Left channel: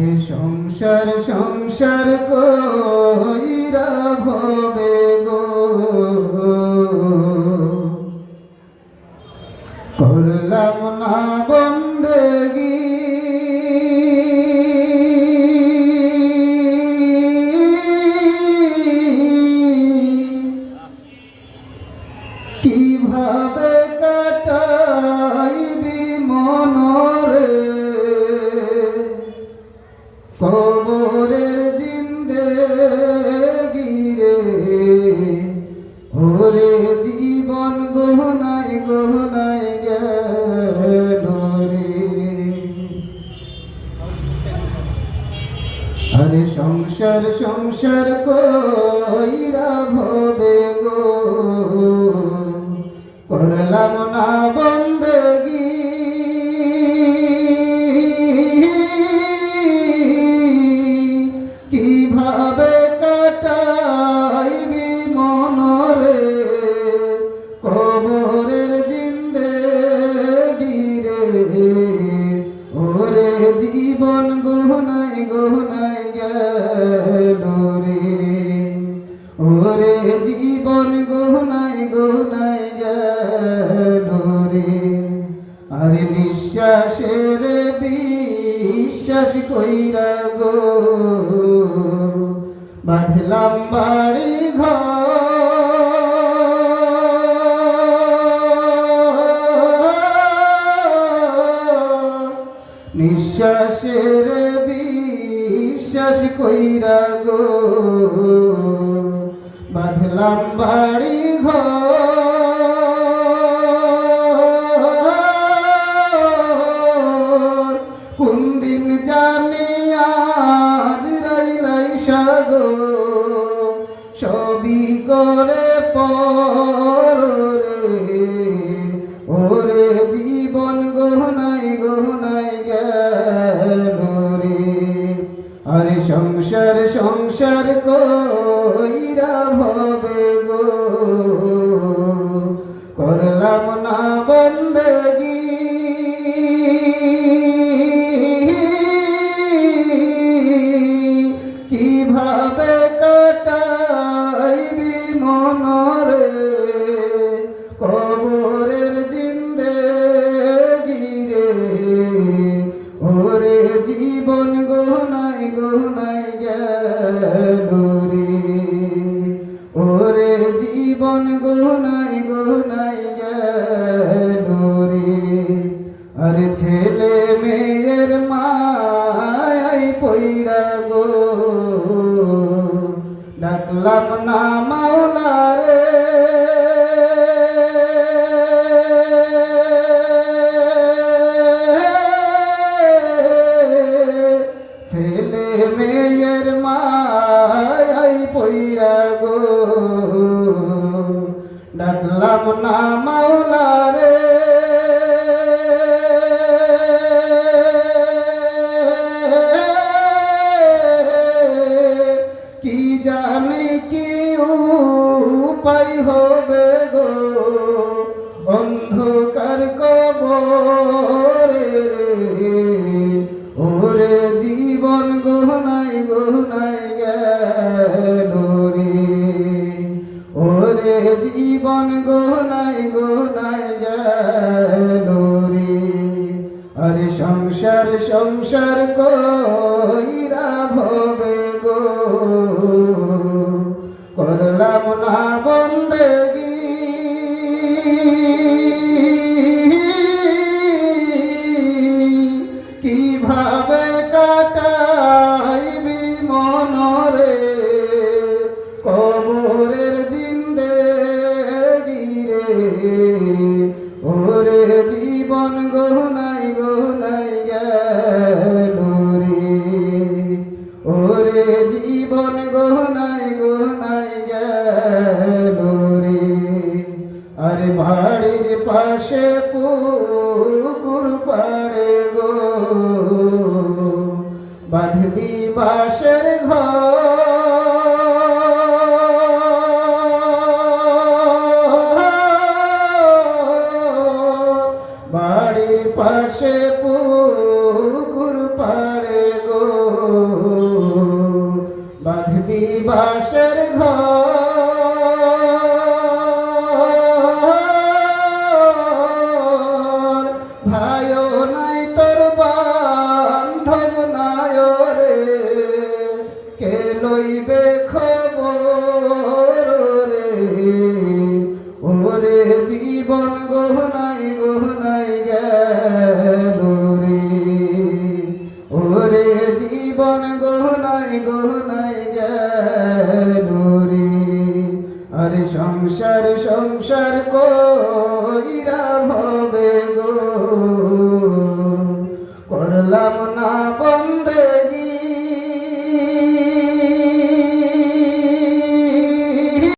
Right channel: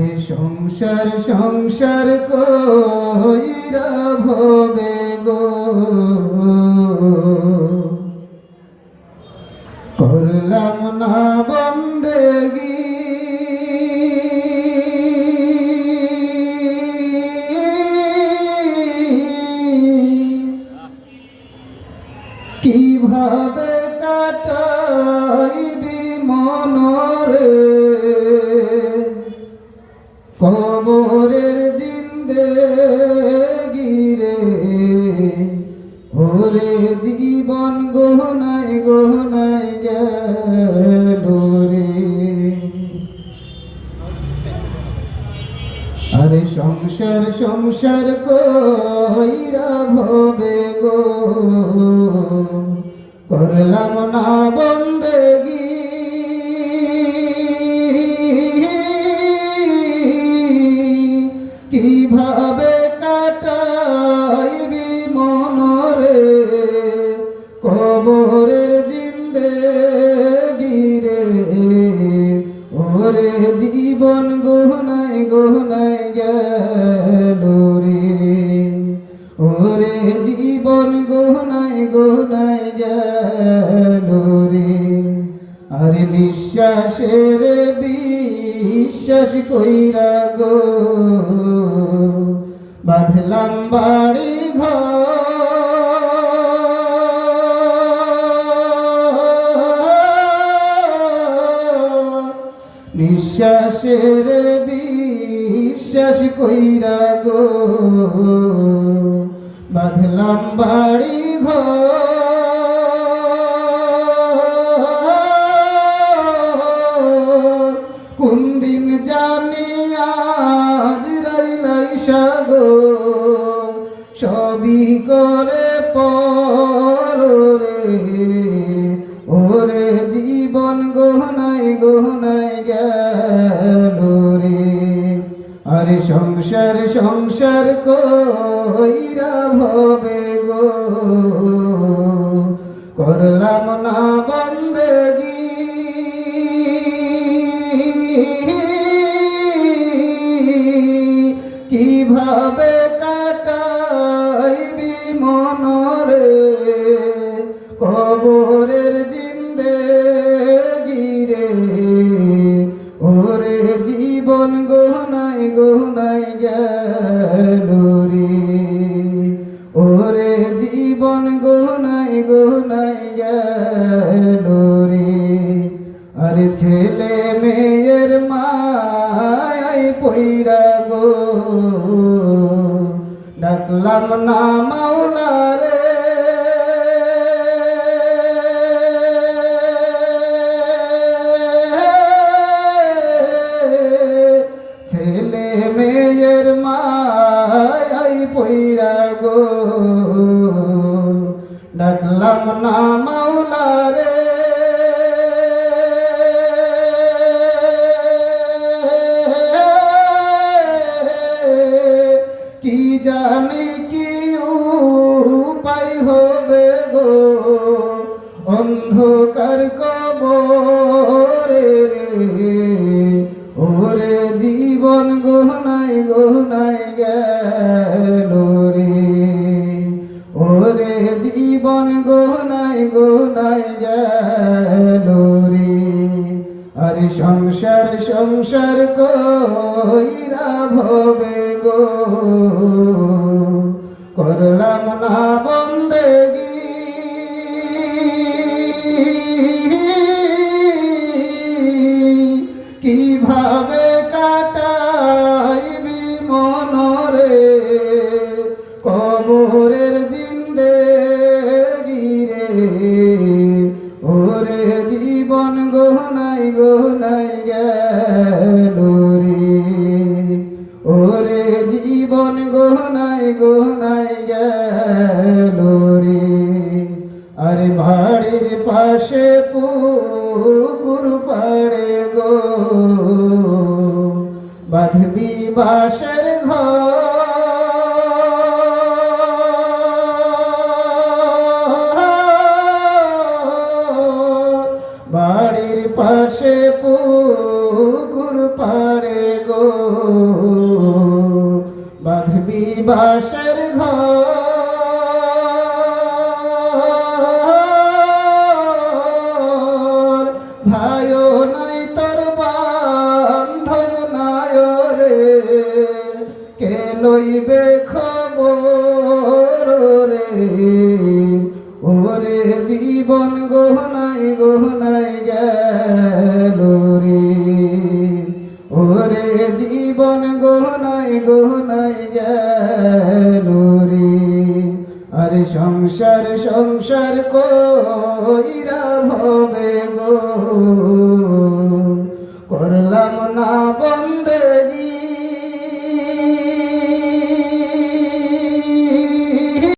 আরে সংসার সংসার কইরা ভবে গো, করলাম না বন্দেগি। কিভাবে কাটাইবি মনরে কবরের জিন্দেগি রে, ওরে জীবন গহনায় গহনায় গেল রে। আরে সংসার সংসার কইরা ভবে গো, করলাম না বন্দেগি। কিভাবে কাটাইবি মনরে কবরের জিন্দেগি রে, ওরে জীবন গহনায় গহনায় গেল রে, ওরে জীবন গহনায় গহনায় গেল রে। আরে নিঃশ্বাসের বিশ্বাস কইরা গো, বাঁধলাম বাড়ি ঘর। নিঃশ্বাসের বিশ্বাস কইরা গো, বাঁধলাম বাড়ি ঘর। কোন দিন জানি আজ রাইলাই সাগো, সবই করে পরে ওরে জীবন গহনায় গহনায় গেল রে। আরে সংসার সংসার কইরা ভবে গো, করলাম না বন্দেগি। কিভাবে কাটাইবি মনরে কবরের জিন্দেগি রে, ওরে জীবন গহনায় গহনায় গেল রে, ওরে জীবন গহনায় গহনায় গেল রে। আরে ছেলে মেয়ের মায় পইরা গো, ডাকলাম না মাওলা রে। ছেলে মেয়ের মায় পইরা গো, ডাকলাম না মাওলা রে। কি জানি কি উপায় হবে গো, অন্ধকার কবরে রে, ওরে জীবন গহনায় গহনায় গেল রে, ওরে জীবন গহনায় গহনায় গেল রে। আরে সংসার সংসার কইরা ভবে গো, করলাম না বন্দেগি। কিভাবে কাটাইবি মনরে কবরের জিন্দেগি রে, ওরে জীবন গহনায় গহনায় গেল রে, ওরে জীবন গহনায় গহনায় গেল রে। আরে বাড়ির পাশে পুকুর পাড়ে গো, বাঁধবি বাঁশের ঘর। বাড়ির পাশে পুকুর পাড়ে গো, লইবে খবর রে, ওরে জীবন গহনাই গহনাই গেল রে, ওরে জীবন গহনাই গহনাই গেল রে। আরে সংসার সংসার কইরা ভবে গো